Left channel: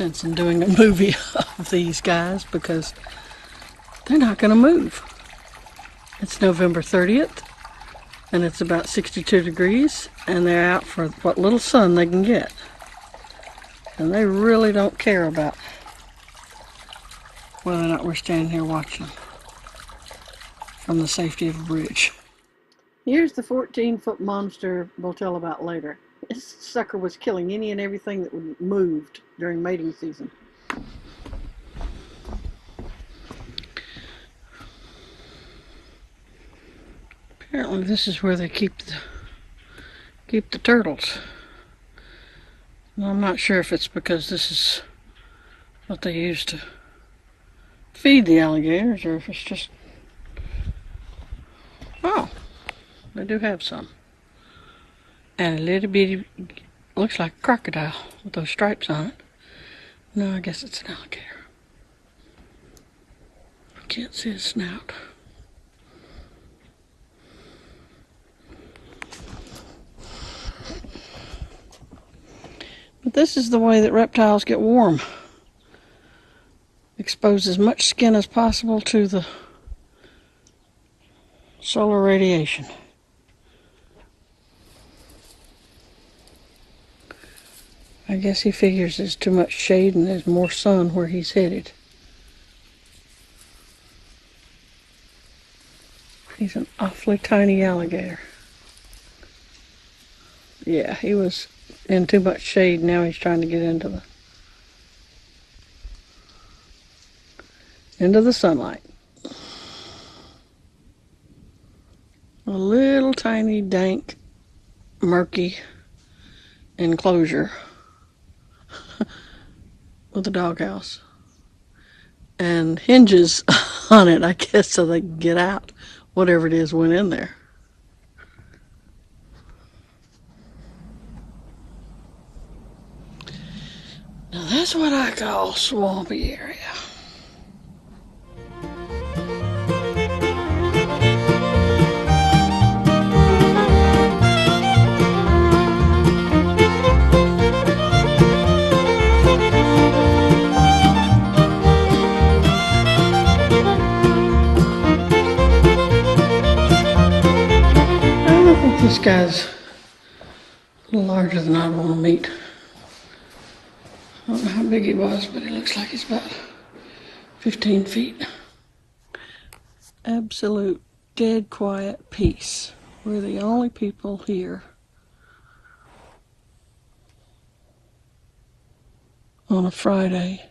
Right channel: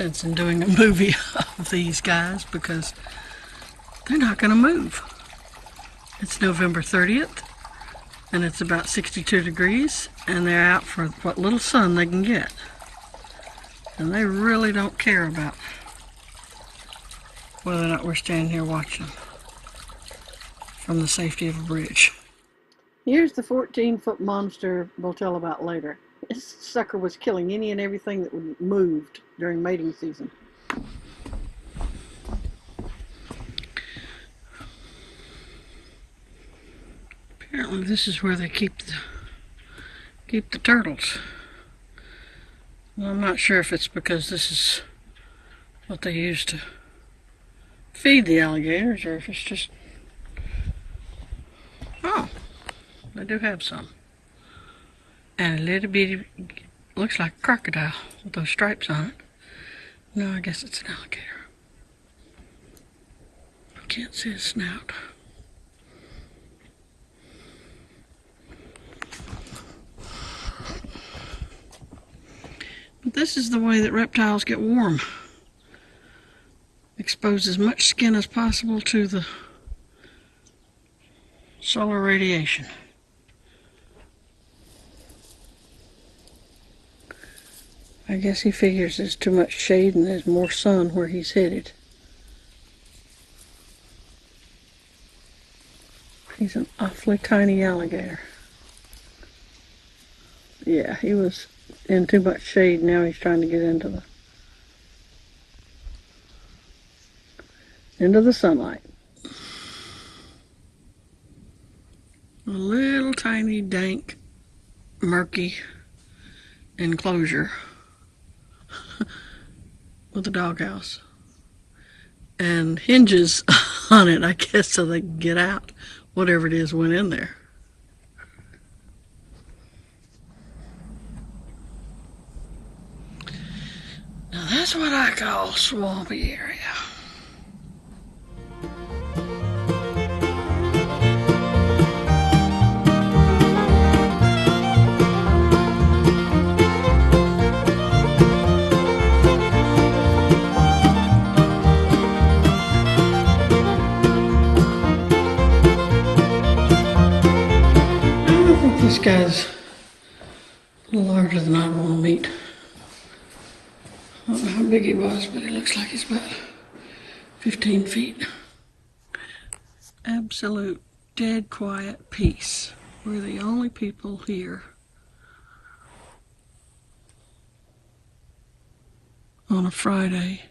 sense in doing a movie of these guys because they're not going to move. It's November 30th and it's about 62 degrees and they're out for what little sun they can get. And they really don't care about whether or not we're standing here watching from the safety of a bridge. Here's the 14-foot monster we'll tell about later. This sucker was killing any and everything that moved during mating season. Apparently this is where they keep the turtles. Well, I'm not sure if it's because this is what they use to feed the alligators or if it's just... Oh, they do have some. And a little bitty, looks like a crocodile with those stripes on it. No, I guess it's an alligator. I can't see his snout. But this is the way that reptiles get warm. Expose as much skin as possible to the solar radiation. I guess he figures there's too much shade and there's more sun where he's headed. He's an awfully tiny alligator. Yeah, he was in too much shade. Now he's trying to get into the sunlight. A little tiny, dank, murky enclosure with a doghouse and hinges on it, I guess, so they can get out whatever it is went in there. Now that's what I call swampy area. This guy's a little larger than I'd want to meet. I don't know how big he was, but it looks like he's about 15 feet. Absolute dead quiet peace. We're the only people here on a Friday,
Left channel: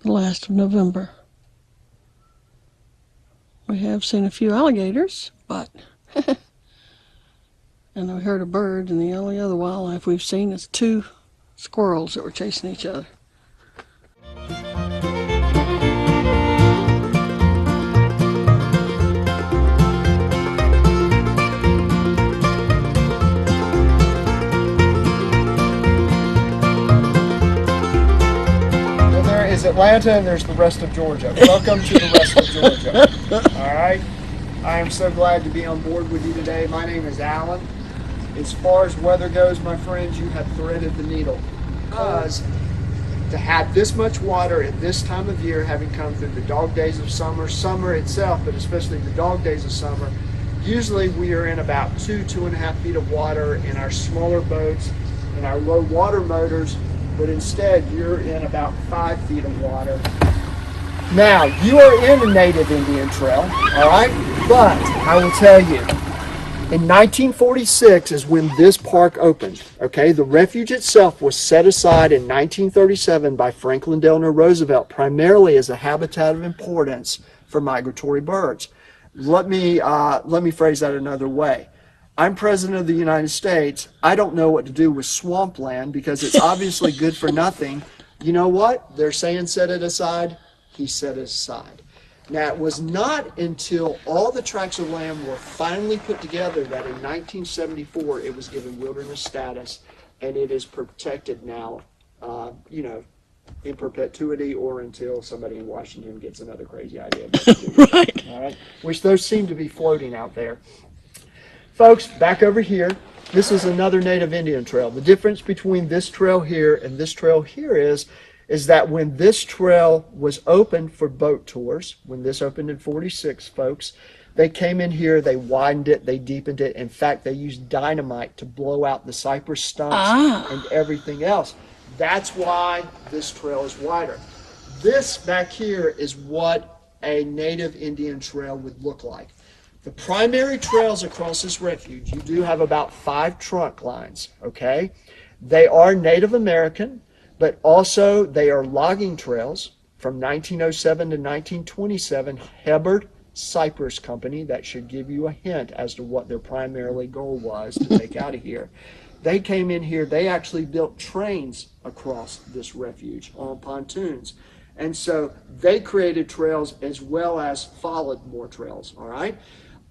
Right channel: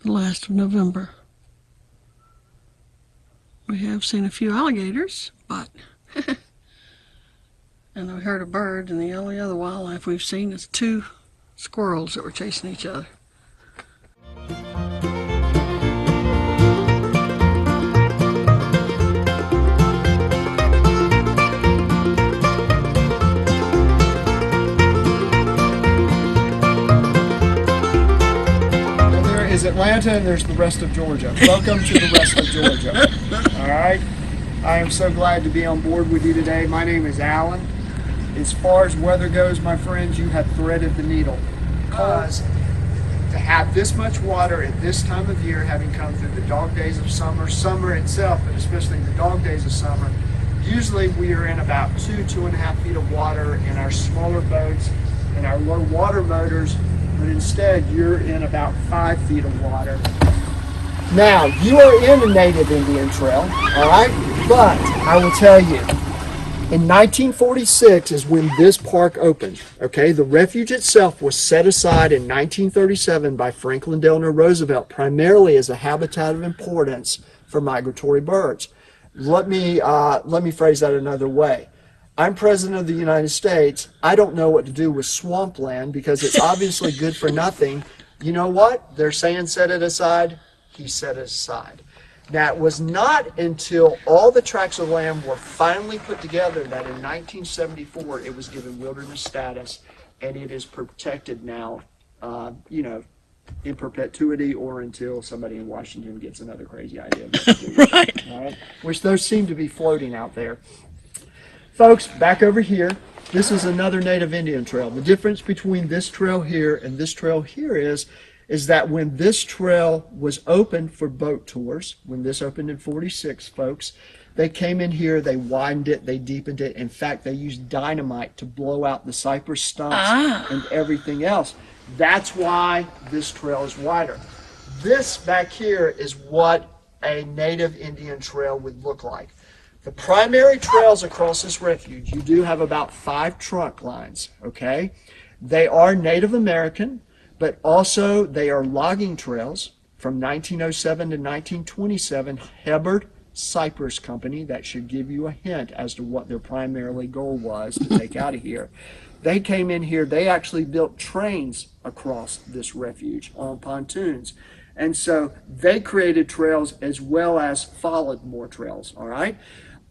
the last of November. We have seen a few alligators, but and we heard of birds, and the only other wildlife we've seen is 2 squirrels that were chasing each other. There is Atlanta and there's the rest of Georgia. Welcome to the rest of Georgia. All right. I'm so glad to be on board with you today. My name is Alan. As far as weather goes, my friends, you have threaded the needle. Because to have this much water at this time of year, having come through the dog days of summer, summer itself, but especially the dog days of summer, usually we are in about 2.5 feet of water in our smaller boats and our low water motors, but instead you're in about 5 feet of water. Now, you are in a native Indian trail, all right? But I will tell you, in 1946 is when this park opened, okay? The refuge itself was set aside in 1937 by Franklin Delano Roosevelt, primarily as a habitat of importance for migratory birds. Let me phrase that another way. I'm President of the United States. I don't know what to do with swampland because it's obviously good for nothing. You know what? They're saying set it aside. He set it aside. Now, it was not until all the tracts of land were finally put together that in 1974 it was given wilderness status, and it is protected now, in perpetuity or until somebody in Washington gets another crazy idea. Right. All right, which those seem to be floating out there. Folks, back over here, this is another native Indian trail. The difference between this trail here and this trail here is is that when this trail was open for boat tours, when this opened in 46, folks, they came in here, they widened it, they deepened it. In fact, they used dynamite to blow out the cypress stumps and everything else. That's why this trail is wider. This back here is what a native Indian trail would look like. The primary trails across this refuge, you do have about 5 trunk lines, okay? They are Native American, but also they are logging trails from 1907 to 1927, Hubbard Cypress Company. That should give you a hint as to what their primarily goal was to take out of here. They came in here, they actually built trains across this refuge on pontoons. And so they created trails as well as followed more trails, all right?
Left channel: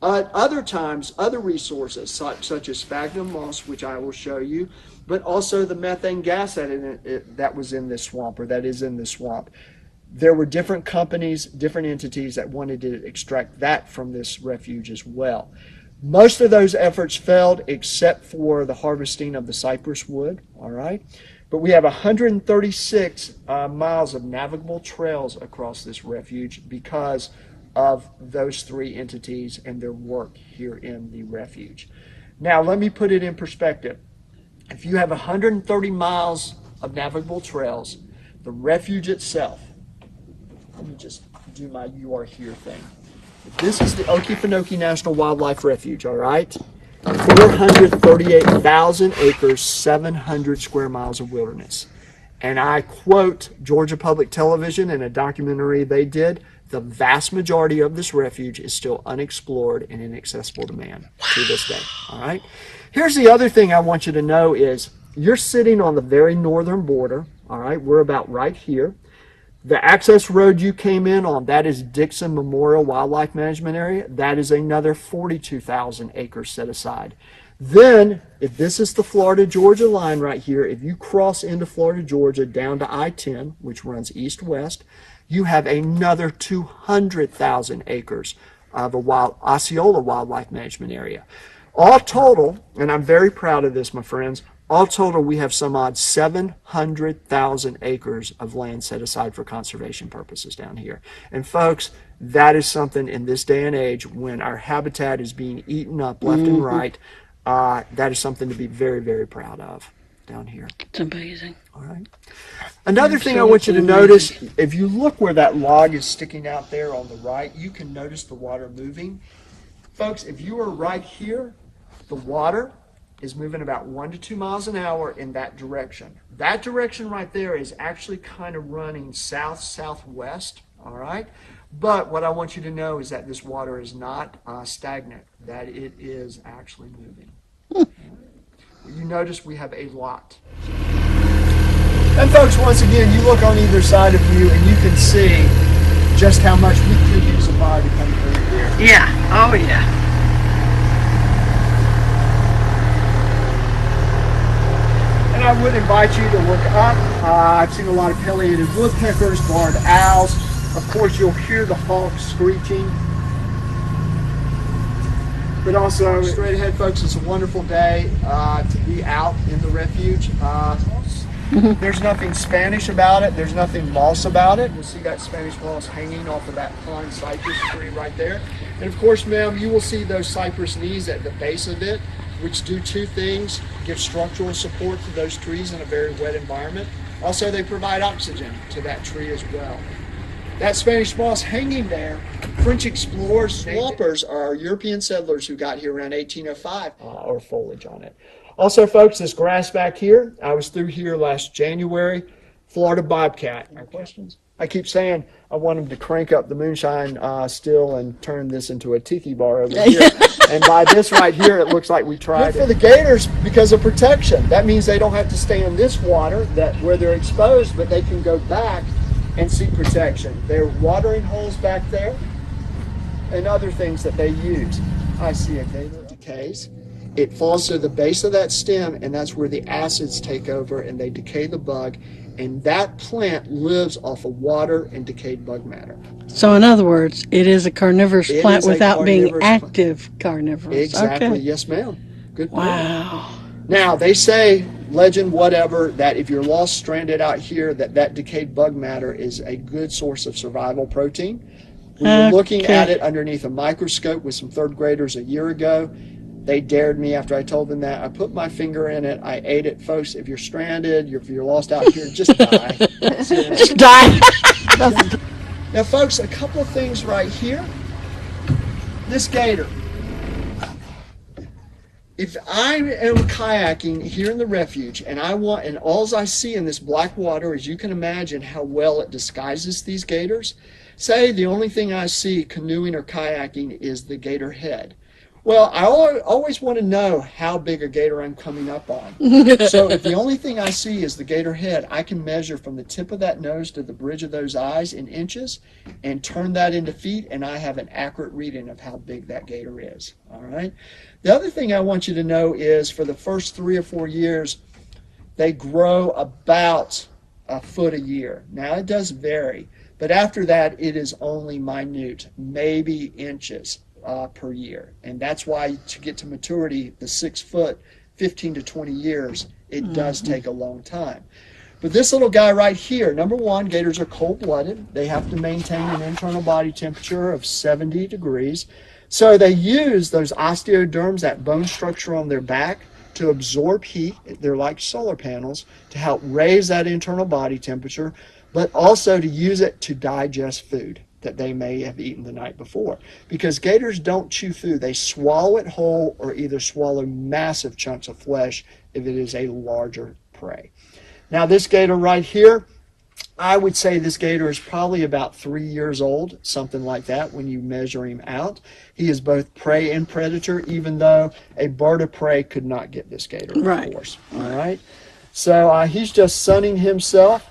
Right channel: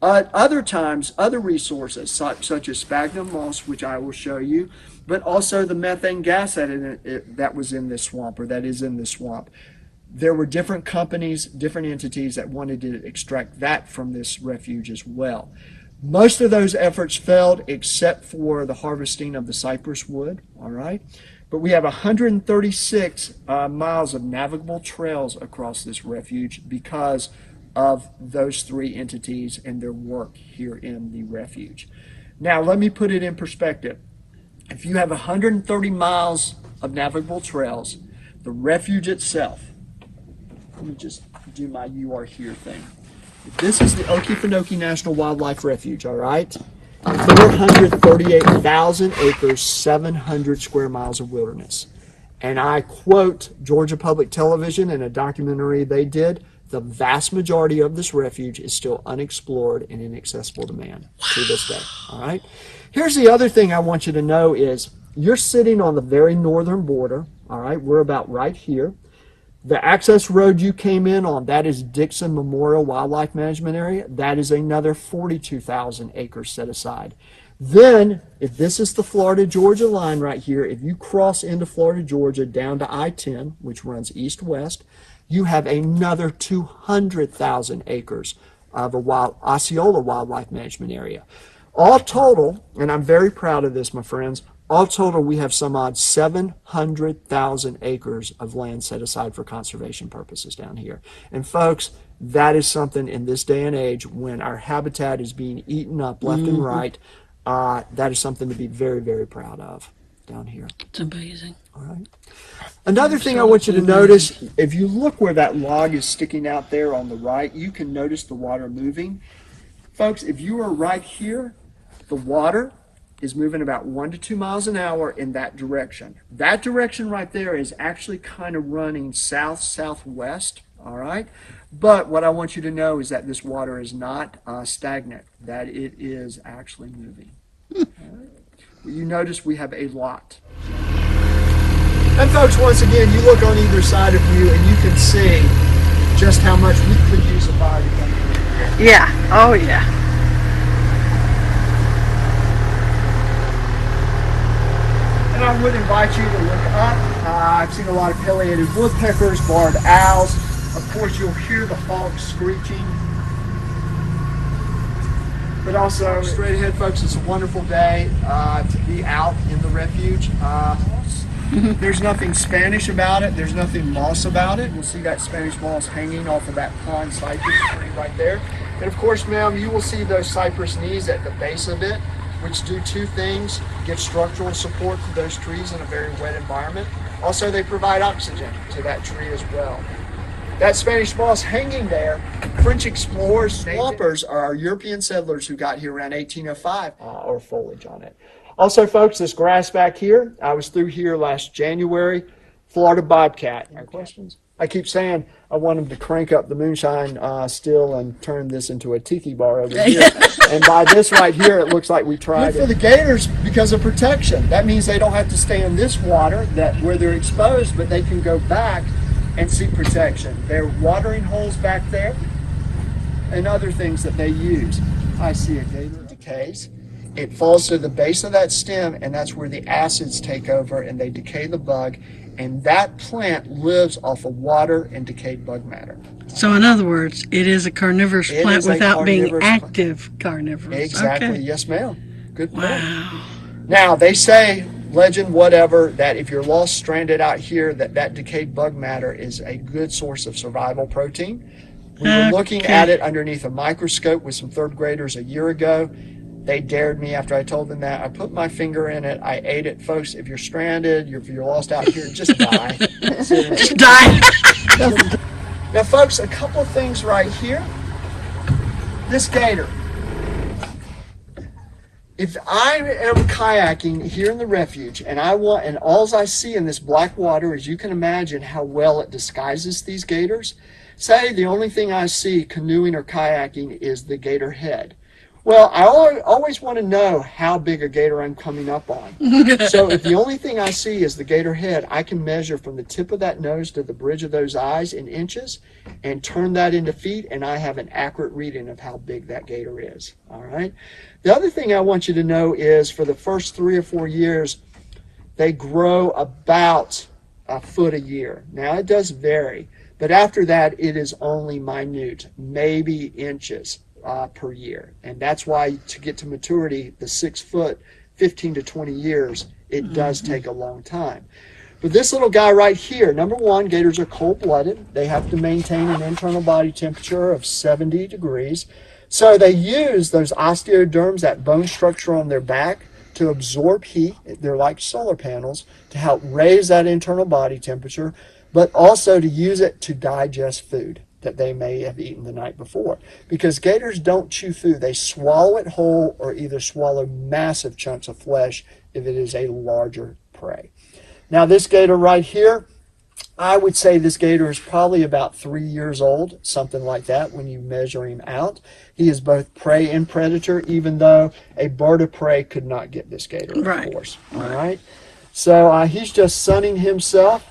Other times, other resources such as sphagnum moss, which I will show you, but also the methane gas that was in this swamp, or that is in this swamp. There were different companies, different entities that wanted to extract that from this refuge as well. Most of those efforts failed except for the harvesting of the cypress wood, all right? But we have 136 miles of navigable trails across this refuge because of those 3 entities and their work here in the refuge. Now, let me put it in perspective. If you have 130 miles of navigable trails, the refuge itself, let me just do my "you are here" thing. This is the Okefenokee National Wildlife Refuge, all right? 438,000 acres, 700 square miles of wilderness. And I quote Georgia Public Television in a documentary they did, the vast majority of this refuge is still unexplored and inaccessible to man to this day, all right? Here's the other thing I want you to know is you're sitting on the very northern border, all right? We're about right here. The access road you came in on, that is Dixon Memorial Wildlife Management Area. That is another 42,000 acres set aside. Then, if this is the Florida-Georgia line right here, if you cross into Florida, Georgia, down to I-10, which runs east-west, you have another 200,000 acres of a Osceola Wildlife Management Area. All total, and I'm very proud of this, my friends, all total, we have some odd 700,000 acres of land set aside for conservation purposes down here. And folks, that is something in this day and age when our habitat is being eaten up left and right. That is something to be very, very proud of down here. It's amazing. All right. Another thing I want you to notice, if you look where that log is sticking out there on the right, you can notice the water moving. Folks, if you are right here, the water is moving about 1 to 2 miles an hour in that direction. That direction right there is actually kind of running south-southwest, all right? But what I want you to know is that this water is not stagnant, that it is actually moving. You notice we have a lot. And folks, once again, you look on either side of you and you can see just how much we could use a fire to come through here. Yeah, oh yeah. And I would invite you to look up. I've seen a lot of pileated woodpeckers, barred owls. Of course, you'll hear the hawks screeching. But also, straight ahead, folks, it's a wonderful day to be out in the refuge. There's nothing Spanish about it. There's nothing moss about it. You'll see that Spanish moss hanging off of that pine cypress tree right there. And of course, ma'am, you will see those cypress knees at the base of it, which do 2 things: give structural support to those trees in a very wet environment. Also, they provide oxygen to that tree as well. That Spanish moss hanging there, French explorers, swampers are European settlers who got here around 1805, or foliage on it. Also, folks, this grass back here, I was through here last January, Florida bobcat. Any questions? I keep saying I want them to crank up the moonshine still and turn this into a tiki bar over here. And by this right here, it looks like we tried for the gators because of protection. That means they don't have to stay in this water where they're exposed, but they can go back and seek protection. There are watering holes back there and other things that they use. I see a gator decays. It falls to the base of that stem, and that's where the acids take over and they decay the bug. And that plant lives off of water and decayed bug matter. So in other words, it is a carnivorous plant without being active carnivorous. Exactly. Okay. Yes, ma'am. Good point. Wow. Now, they say legend, whatever, that if you're lost, stranded out here, that decayed bug matter is a good source of survival protein. We were looking at it underneath a microscope with some third graders a year ago. They dared me after I told them that. I put my finger in it. I ate it. Folks, if you're stranded, if you're lost out here, just die. Just die. Now, folks, a couple of things right here. This gator. If I am kayaking here in the refuge and all I see in this black water, as you can imagine how well it disguises these gators, say the only thing I see canoeing or kayaking is the gator head. Well, I always want to know how big a gator I'm coming up on. So if the only thing I see is the gator head, I can measure from the tip of that nose to the bridge of those eyes in inches and turn that into feet, and I have an accurate reading of how big that gator is. All right. The other thing I want you to know is for the first 3 or 4 years, they grow about a foot a year. Now, it does vary, but after that, it is only minute, maybe inches per year. And that's why to get to maturity, the 6 foot, 15 to 20 years, it does take a long time. But this little guy right here, number one, gators are cold-blooded. They have to maintain an internal body temperature of 70 degrees. So they use those osteoderms, that bone structure on their back, to absorb heat. They're like solar panels to help raise that internal body temperature, but also to use it to digest food that they may have eaten the night before. Because gators don't chew food. They swallow it whole or either swallow massive chunks of flesh if it is a larger prey. Now this gator right here, I would say this gator is probably about 3 years old, something like that when you measure him out. He is both prey and predator, even though a bird of prey could not get this gator, of course. All right. So he's just sunning himself.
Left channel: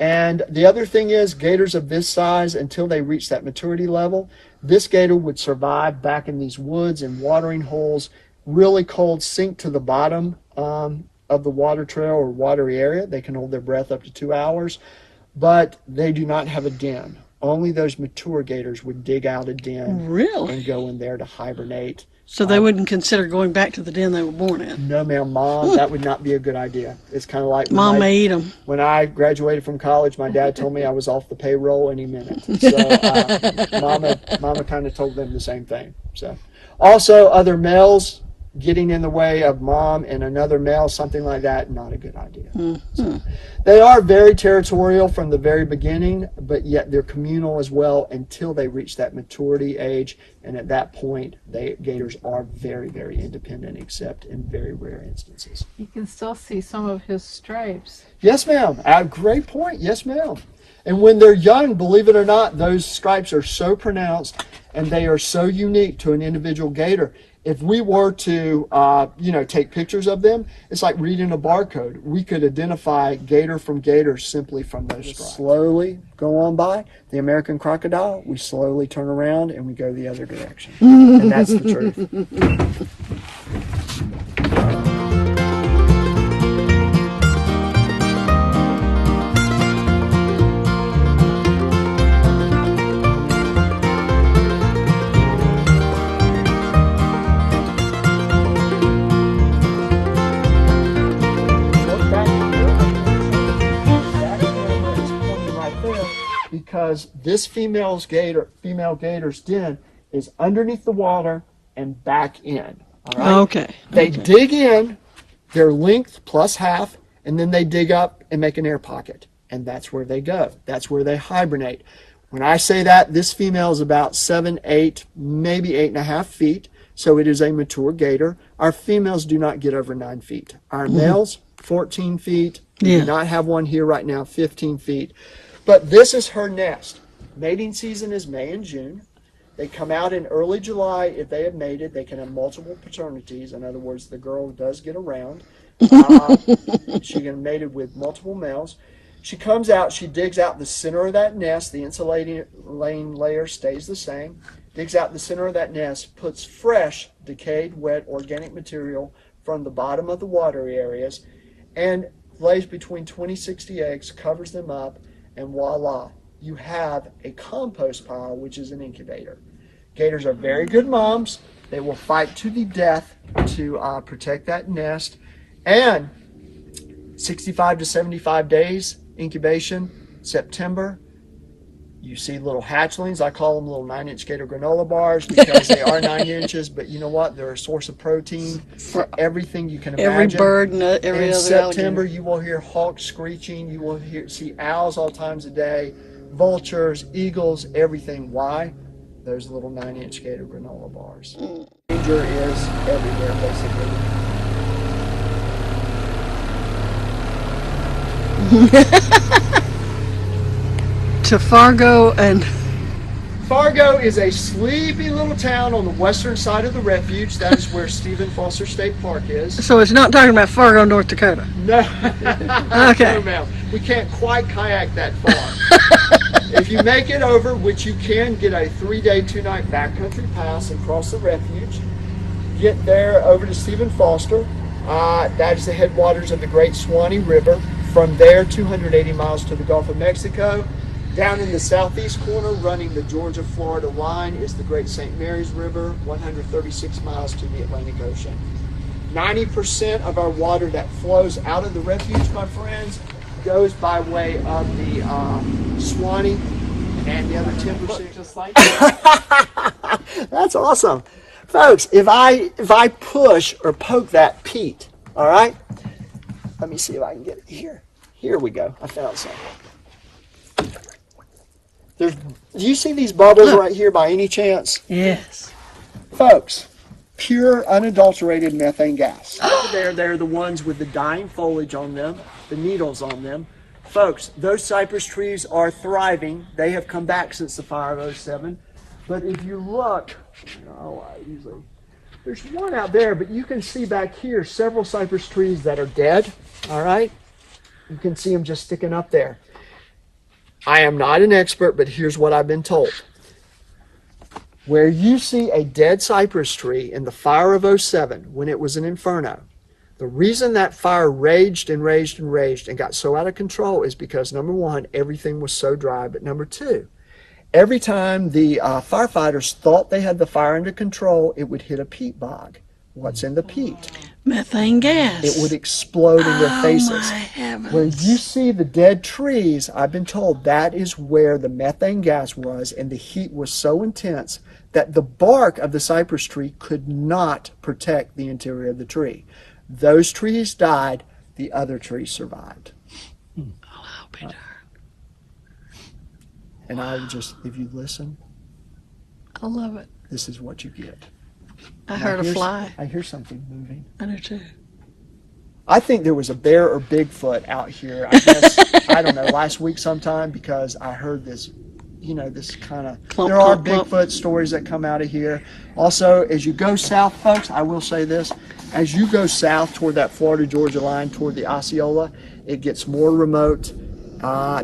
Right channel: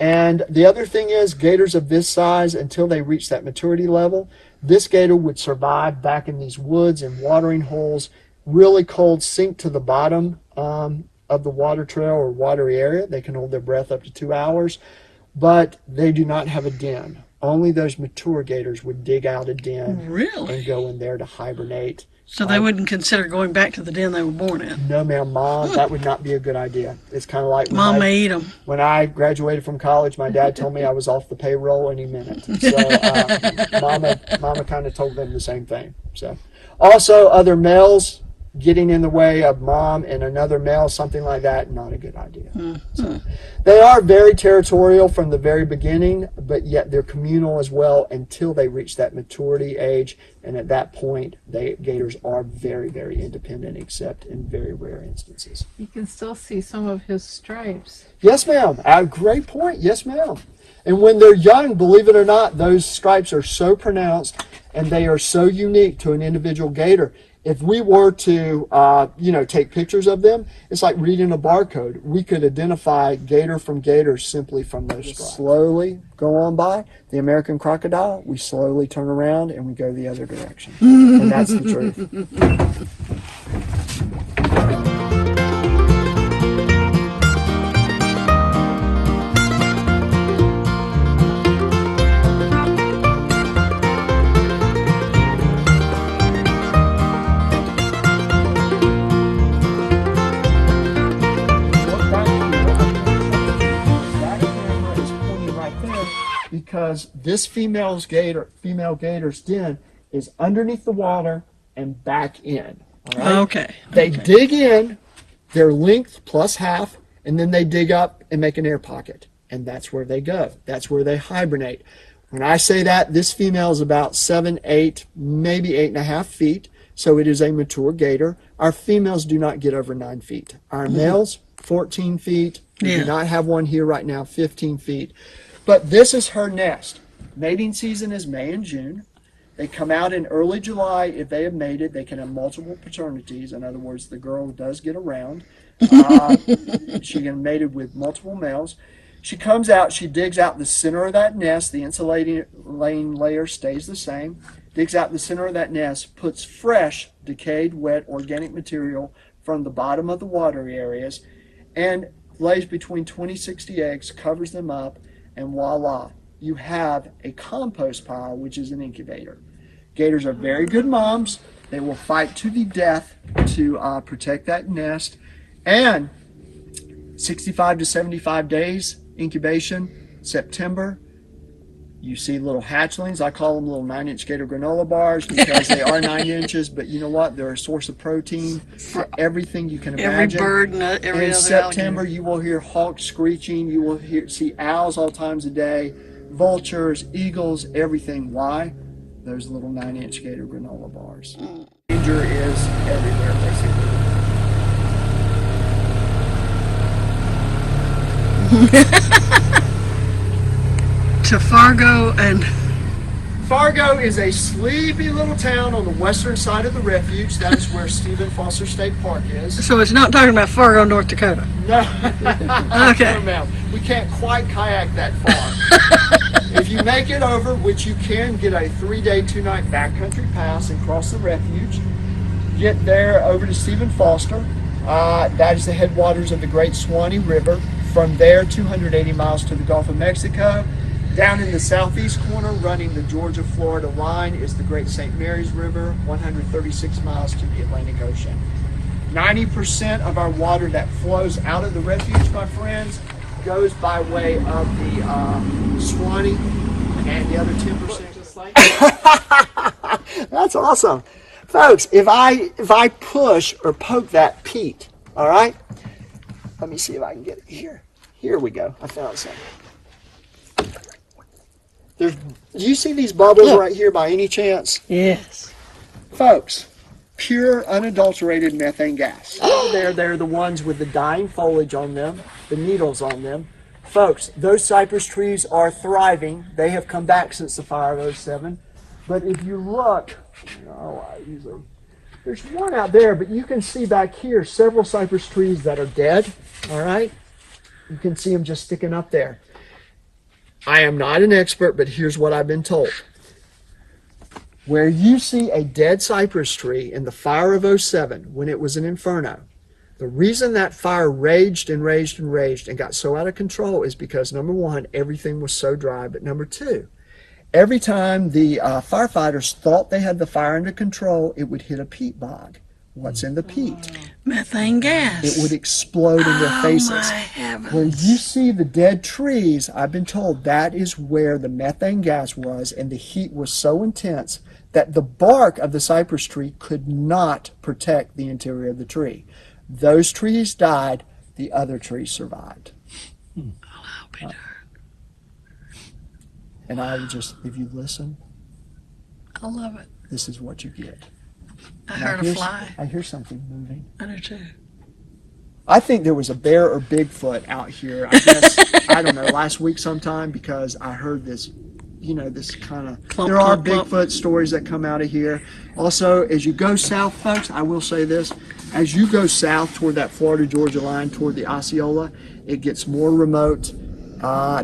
And the other thing is, gators of this size, until they reach that maturity level, this gator would survive back in these woods and watering holes, really cold, sink to the bottom of the water trail or watery area. They can hold their breath up to 2 hours, but they do not have a den. Only those mature gators would dig out a den and go in there to hibernate. So they wouldn't consider going back to the den they were born in? No, ma'am, Mom, that would not be a good idea. It's kind of like Mom may eat them. When I graduated from college, my dad told me I was off the payroll any minute. So Mama kind of told them the same thing. So, also, other males getting in the way of Mom and another male, something like that, not a good idea. So, they are very territorial from the very beginning, but yet they're communal as well until they reach that maturity age. And at that point, gators are very, very independent, except in very rare instances. You can still see some of his stripes. Yes, ma'am. Great point. Yes, ma'am. And when they're young, believe it or not, those stripes are so pronounced and they are so unique to an individual gator. If we were to, take pictures of them, it's like reading a barcode. We could identify gator from gator simply from those stripes. Slowly go on by. The American crocodile, we slowly turn around and we go the other direction. And that's the truth. Because this female gator's den is underneath the water and back in. All right? Okay. They dig in, their length plus half, and then they dig up and make an air pocket. And that's where they go. That's where they hibernate. When I say that, this female is about 7, 8, maybe 8.5 feet. So it is a mature gator. Our females do not get over 9 feet. Our males, 14 feet. We do not have one here right now, 15 feet. But this is her nest. Mating season is May and June. They come out in early July. If they have mated, they can have multiple paternities. In other words, the girl does get around. She can mated with multiple males. She comes out, she digs out the center of that nest. The insulating layer stays the same. Digs out the center of that nest, puts fresh, decayed, wet, organic material from the bottom of the watery areas, and lays between 20 60 eggs, covers them up, and voila, you have a compost pile, which is an incubator. Gators are very good moms. They will fight to the death to protect that nest. And 65 to 75 days incubation. September, you see little hatchlings. I call them little 9-inch Gator granola bars because they are 9 inches, but you know what? They're a source of protein for everything you can imagine. Every bird and every in other September, alligator. you will hear hawks screeching. You will see owls all times a day, vultures, eagles, everything. Why? Those little 9-inch Gator granola bars. Danger is everywhere, basically. To Fargo and Fargo is a sleepy little town on the western side of the Refuge. That is where Stephen Foster State Park is. so it's not talking about Fargo, North Dakota. No. Okay. No, we can't quite kayak that far. If you make it over, which you can, get a 3-day, 2-night backcountry pass and cross the Refuge. Get there over to Stephen Foster. That is the headwaters of the Great Swanee River. From there, 280 miles to the Gulf of Mexico. Down in the southeast corner, running the Georgia-Florida line, is the Great St. Mary's River, 136 miles to the Atlantic Ocean. 90% of our water that flows out of the Refuge, my friends, goes by way of the Swanee, and the other 10% just like that. That's awesome. Folks, if I push or poke that peat, all right? Let me see if I can get it here. Here we go. I found some. Do you see these bubbles right here by any chance? Yes. Folks, pure unadulterated methane gas. They're the ones with the dying foliage on them, the needles on them. Folks, those cypress trees are thriving. They have come back since the fire of '07. But if you look, there's one out there, but you can see back here several cypress trees that are dead, all right? You can see them just sticking up there. I am not an expert, but here's what I've been told. Where you see a dead cypress tree in the fire of '07, when it was an inferno, the reason that fire raged and raged and raged and got so out of control is because, number one, everything was so dry, but number two, every time the firefighters thought they had the fire under control, it would hit a peat bog. What's in the peat? Methane gas. It would explode in their faces. My heavens. When you see the dead trees, I've been told that is where the methane gas was, and the heat was so intense that the bark of the cypress tree could not protect the interior of the tree. Those trees died, the other trees survived. I'll be darned. And I would just, if you listen, I love it. this is what you get. I heard a fly. I hear something moving. I do too. I think there was a bear or Bigfoot out here, I guess, I don't know, last week sometime, because I heard this, this kind of, there are Bigfoot stories that come out of here. Also, as you go south, folks, I will say this, as you go south toward that Florida-Georgia line, toward the Osceola, it gets more remote.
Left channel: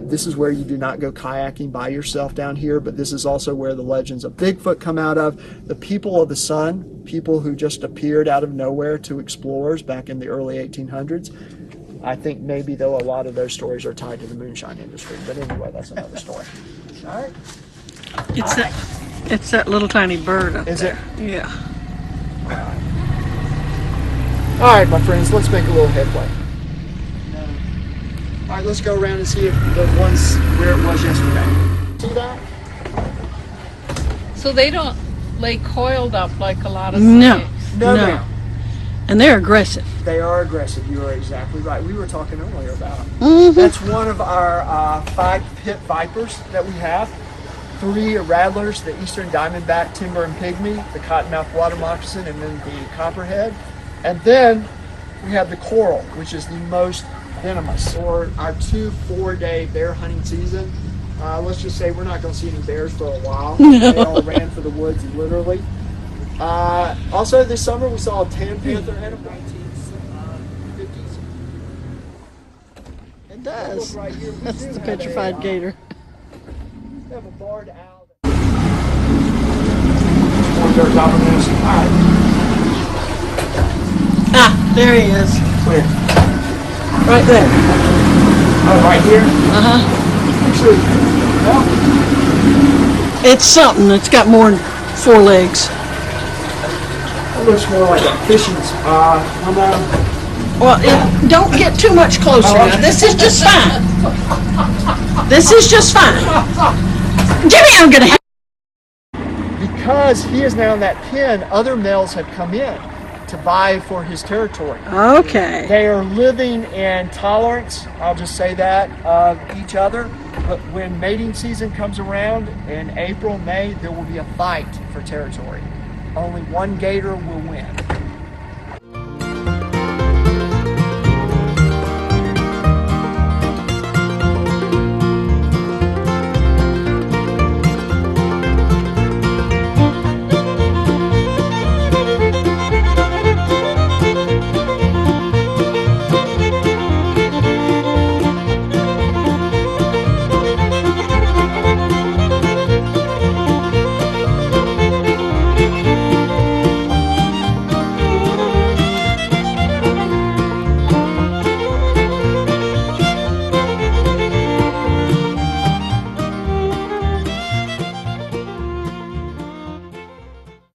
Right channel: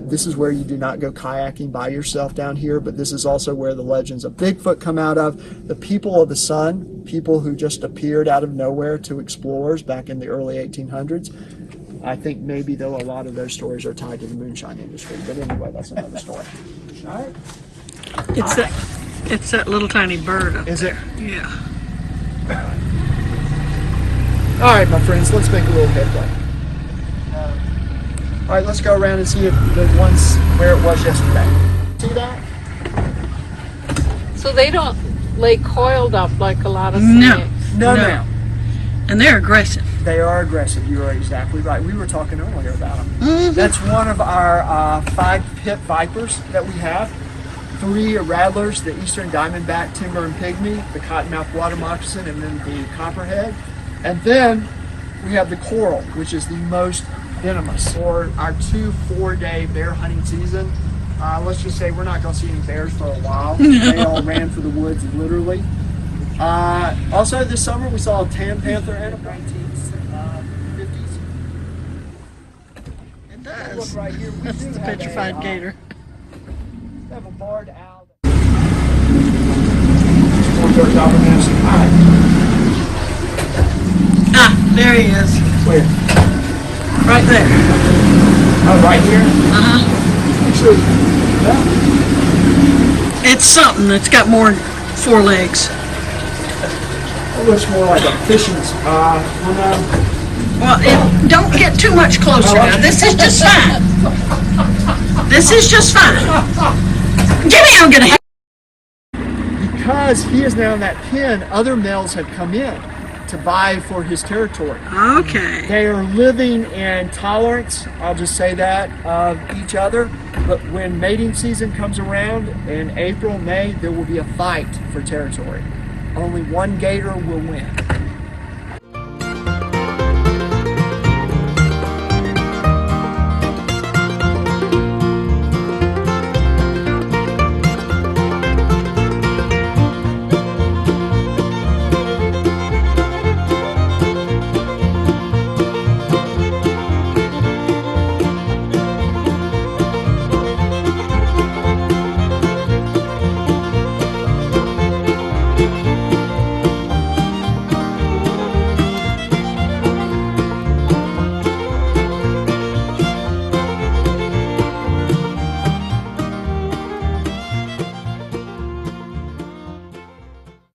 This is where you do not go kayaking by yourself down here, but this is also where the legends of Bigfoot come out of. The people of the sun, people who just appeared out of nowhere to explorers back in the early 1800s. I think maybe, though, a lot of those stories are tied to the moonshine industry. But anyway, that's another story. All right. It's that little tiny bird up Is there. it? Yeah. All right, my friends, let's make a little headway. All right, let's go around and see if the one's where it was yesterday. See that? So they don't lay coiled up like a lot of No. snakes. No. And they're aggressive. They are aggressive. You are exactly right. We were talking earlier about them. Mm-hmm. That's one of our 5 pit vipers that we have. 3 rattlers, the eastern diamondback, timber and pygmy, the cottonmouth water moccasin, and then the copperhead. And then we have the coral, which is the most venomous. For our 2 4-day bear hunting season, let's just say we're not going to see any bears for a while. They all ran for the woods, literally. Also, this summer we saw a tan panther and a 1950s. It does. Right here, we That's do the have petrified gator. We have a barred owl. Ah, there he is. Where? Right there. Oh, right here? Uh-huh. Actually, well, It's something. It's got more than 4 legs. it looks more like a fishing. Come on. Well, don't get too much closer now. This is just fine. This is just fine. Jimmy, I'm gonna. Because he is now in that pen, other males have come in to vie for his territory. Okay. They are living in tolerance, I'll just say that, of each other. But when mating season comes around in April, May, there will be a fight for territory. Only one gator will win.